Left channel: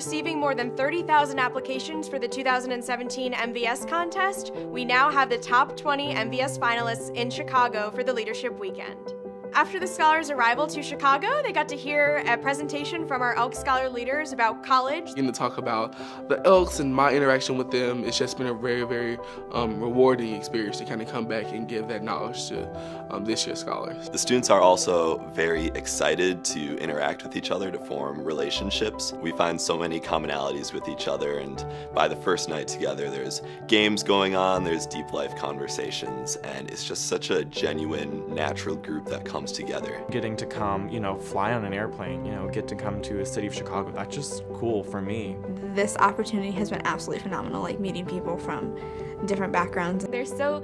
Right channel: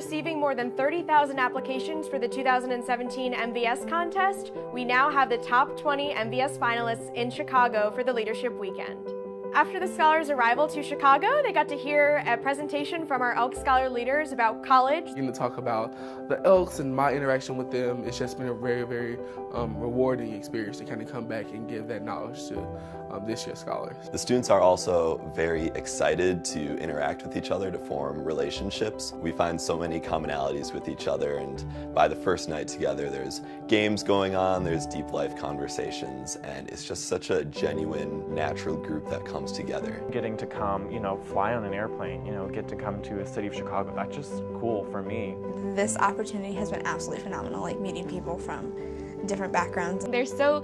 receiving more than 30,000 applications for the 2017 MVS contest, we now have the top 20 MVS finalists in Chicago for the Leadership Weekend. After the scholars' arrival to Chicago, they got to hear a presentation from our Elks Scholar leaders about college. Getting to talk about the Elks and my interaction with them, it's just been a very, very rewarding experience to kind of come back and give that knowledge to this year's scholars. The students are also very excited to interact with each other, to form relationships. We find so many commonalities with each other, and by the first night together, there's games going on, there's deep life conversations, and it's just such a genuine, natural group that comes together. Getting to come, fly on an airplane, get to come to a city of Chicago, that's just cool for me. This opportunity has been absolutely phenomenal, meeting people from different backgrounds. They're so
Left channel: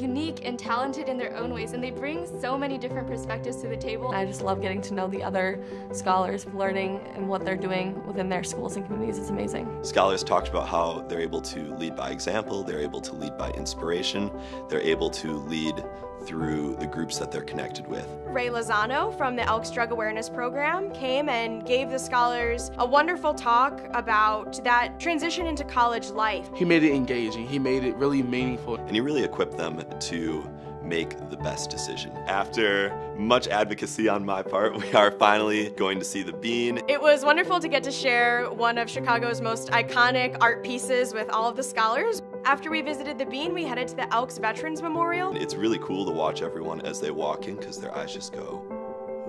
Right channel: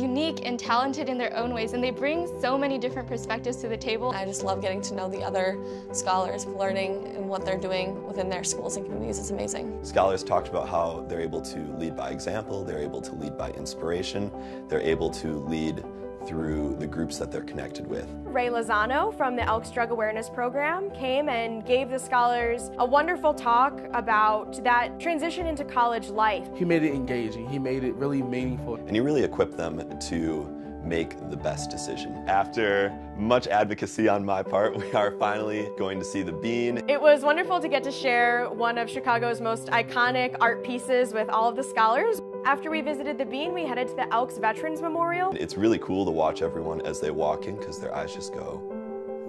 unique and talented in their own ways, and they bring so many different perspectives to the table. I just love getting to know the other scholars, learning and what they're doing within their schools and communities is amazing. Scholars talked about how they're able to lead by example, they're able to lead by inspiration, they're able to lead through the groups that they're connected with. Ray Lozano from the Elks Drug Awareness Program came and gave the scholars a wonderful talk about that transition into college life. He made it engaging, he made it really meaningful. And he really equipped them to make the best decision. After much advocacy on my part, we are finally going to see the Bean. It was wonderful to get to share one of Chicago's most iconic art pieces with all of the scholars. After we visited the Bean, we headed to the Elks Veterans Memorial. It's really cool to watch everyone as they walk in, because their eyes just go,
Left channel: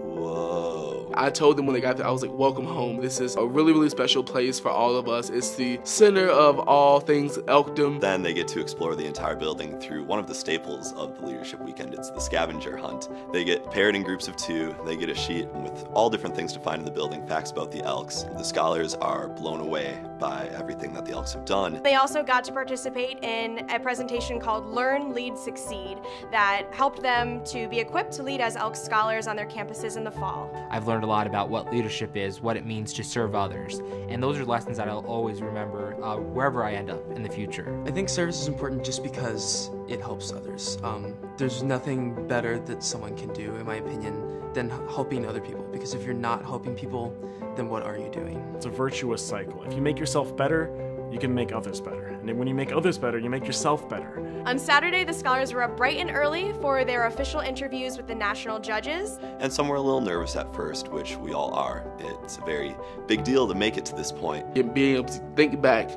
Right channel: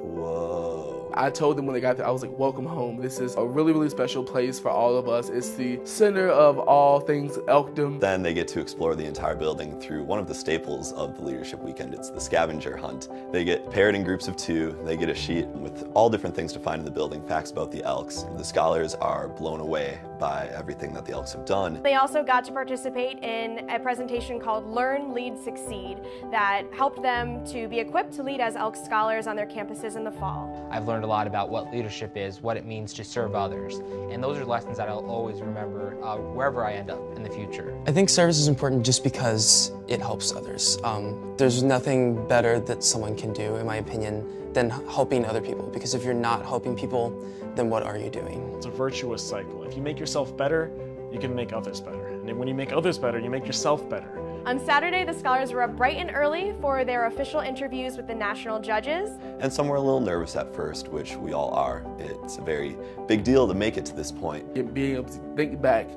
whoa. I told them when they got there, I was like, welcome home. This is a really, really special place for all of us. It's the center of all things Elkdom. Then they get to explore the entire building through one of the staples of the Leadership Weekend. It's the scavenger hunt. They get paired in groups of 2. They get a sheet with all different things to find in the building, facts about the Elks. The scholars are blown away by everything that the Elks have done. They also got to participate in a presentation called Learn, Lead, Succeed that helped them to be equipped to lead as Elks scholars on their campuses in the fall. I've learned a lot about what leadership is, what it means to serve others, and those are lessons that I'll always remember wherever I end up in the future. I think service is important just because it helps others. There's nothing better that someone can do, in my opinion, than helping other people, because if you're not helping people, then what are you doing? It's a virtuous cycle. If you make yourself better, you can make others better. And then when you make others better, you make yourself better. On Saturday, the scholars were up bright and early for their official interviews with the national judges. And some were a little nervous at first, which we all are. It's a very big deal to make it to this point. Being able to think back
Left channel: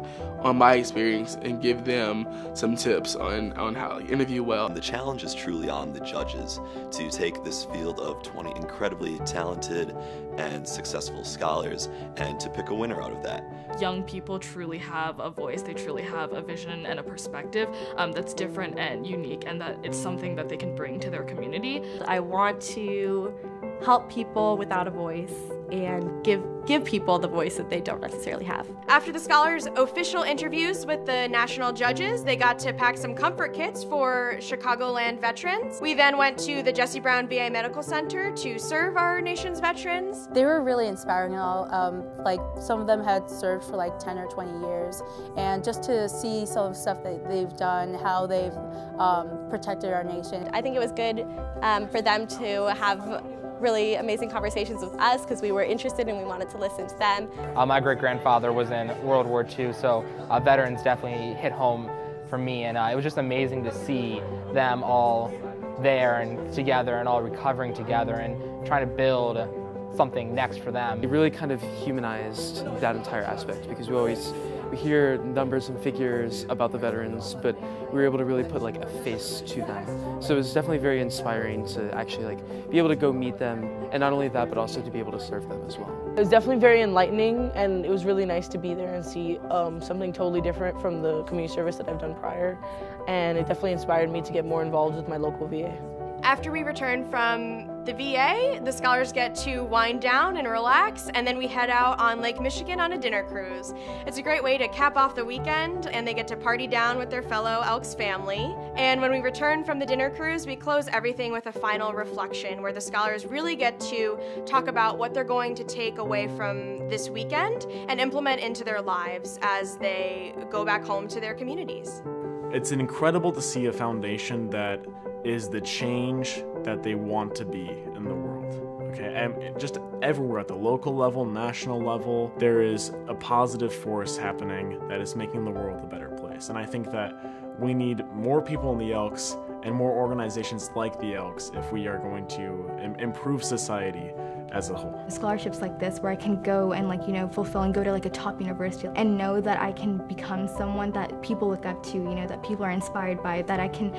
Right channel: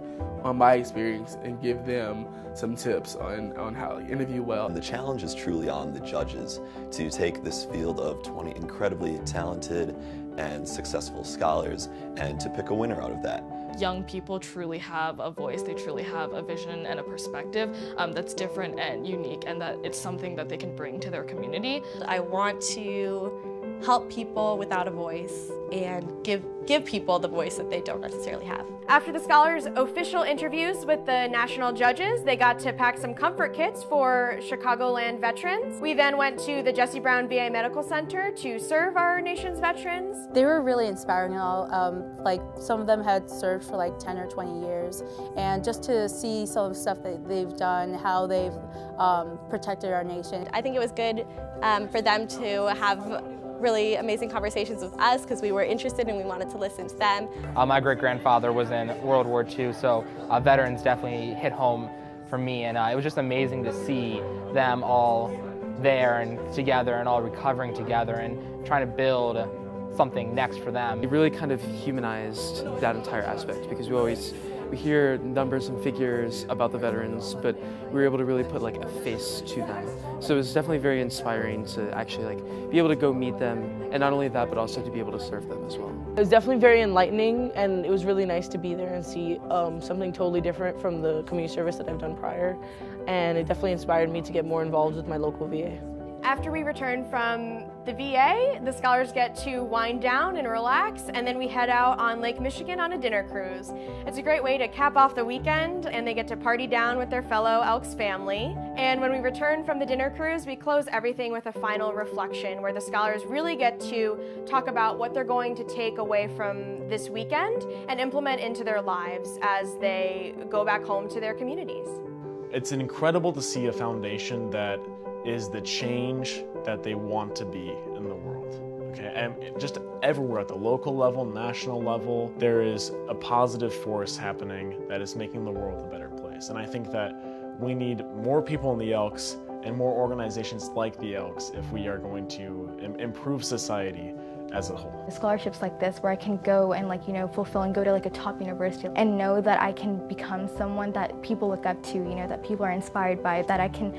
on my experience and give them some tips on how to interview well. And the challenge is truly on the judges to take this field of 20 incredibly talented and successful scholars and to pick a winner out of that. Young people truly have a voice, they truly have a vision and a perspective that's different and unique, and that it's something that they can bring to their community. I want to help people without a voice and give people the voice that they don't necessarily have. After the scholars' official interviews with the national judges, they got to pack some comfort kits for Chicagoland veterans. We then went to the Jesse Brown VA Medical Center to serve our nation's veterans. They were really inspiring and all. Like some of them had served for like 10 or 20 years, and just to see some of the stuff that they've done, how they've protected our nation. I think it was good for them to have really amazing conversations with us because we were interested and we wanted to listen to them. My great-grandfather was in World War II, so veterans definitely hit home for me, and it was just amazing to see them all there and together and all recovering together and trying to build something next for them. It really kind of humanized that entire aspect, because we hear numbers and figures about the veterans, but we were able to really put like a face to them. So it was definitely very inspiring to actually be able to go meet them, and not only that, but also to be able to serve them as well. It was definitely very enlightening, and it was really nice to be there and see something totally different from the community service that I've done prior, and it definitely inspired me to get more involved with my local VA. After we return from the VA, the scholars get to wind down and relax, and then we head out on Lake Michigan on a dinner cruise. It's a great way to cap off the weekend, and they get to party down with their fellow Elks family. And when we return from the dinner cruise, we close everything with a final reflection where the scholars really get to talk about what they're going to take away from this weekend and implement into their lives as they go back home to their communities. It's incredible to see a foundation that is the change that they want to be in the world. Okay, just everywhere at the local level, national level, there is a positive force happening that is making the world a better place. And I think that we need more people in the Elks and more organizations like the Elks if we are going to improve society as a whole. Scholarships like this where I can go and fulfill and go to a top university and know that I can become someone that people look up to, that people are inspired by, that I can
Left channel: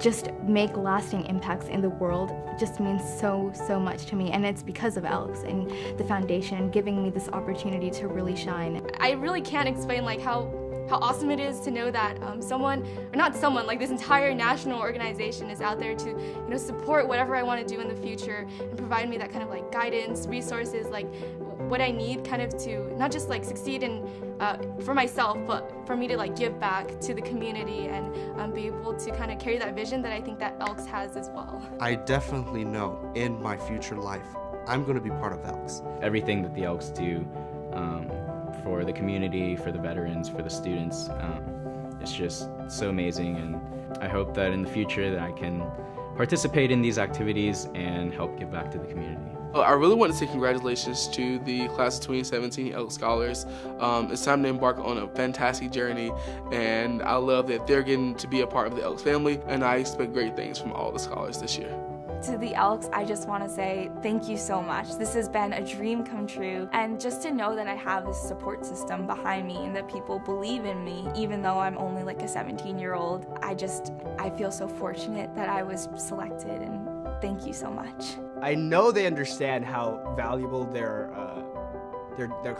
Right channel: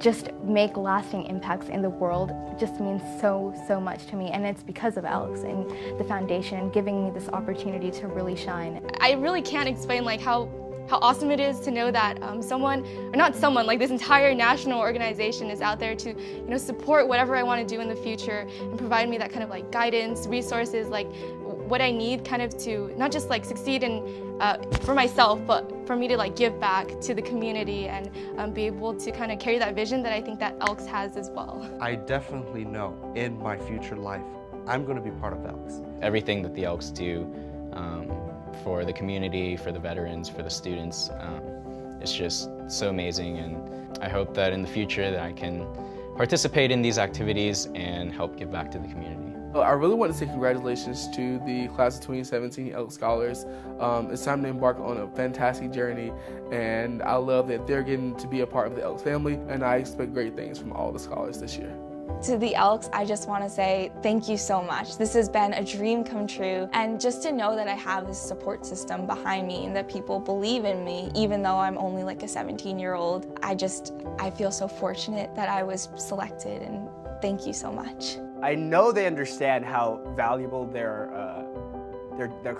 just make lasting impacts in the world just means so much to me, and it's because of Elks and the foundation and giving me this opportunity to really shine. I really can't explain how awesome it is to know that this entire national organization is out there to support whatever I want to do in the future and provide me that kind of guidance, resources, what I need kind of to not just succeed in for myself, but for me to give back to the community and be able to kind of carry that vision that I think that Elks has as well. I definitely know in my future life I'm going to be part of Elks. Everything that the Elks do for the community, for the veterans, for the students, it's just so amazing, and I hope that in the future that I can participate in these activities and help give back to the community. I really want to say congratulations to the class of 2017 Elks Scholars. It's time to embark on a fantastic journey, and I love that they're getting to be a part of the Elks family, and I expect great things from all the scholars this year. To the Elks, I just want to say thank you so much. This has been a dream come true, and just to know that I have this support system behind me and that people believe in me, even though I'm only a 17-year-old, I feel so fortunate that I was selected, and thank you so much. I know they understand how valuable their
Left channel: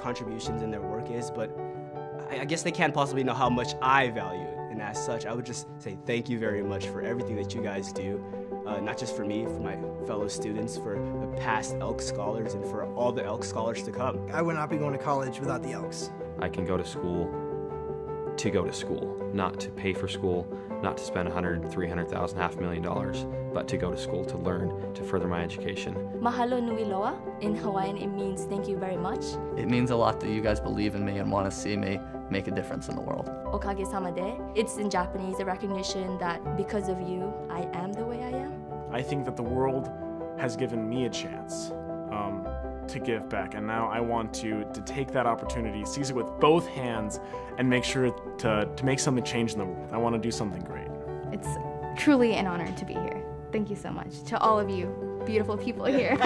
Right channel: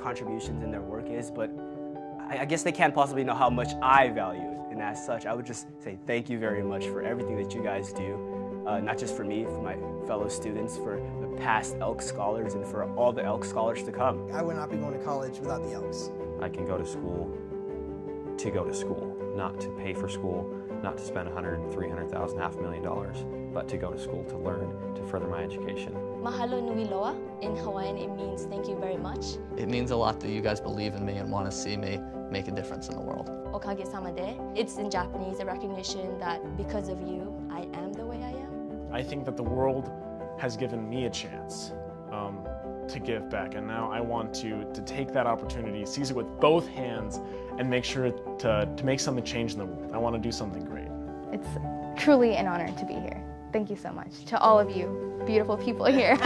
contributions and their work is, but I guess they can't possibly know how much I value it. And as such, I would just say thank you very much for everything that you guys do. Not just for me, for my fellow students, for the past Elks scholars, and for all the Elks scholars to come. I would not be going to college without the Elks. I can go to school, not to pay for school, not to spend $100,000, $300,000, $500,000, but to go to school, to learn, to further my education. Mahalo nui loa. In Hawaiian, it means thank you very much. It means a lot that you guys believe in me and want to see me make a difference in the world. Okage-sama de. It's in Japanese a recognition that because of you, I am the way I am. I think that the world has given me a chance to give back, and now I want to take that opportunity, seize it with both hands, and make sure to make something change in the world. I want to do something great. It's truly an honor to be here. Thank you so much to all of you beautiful people here.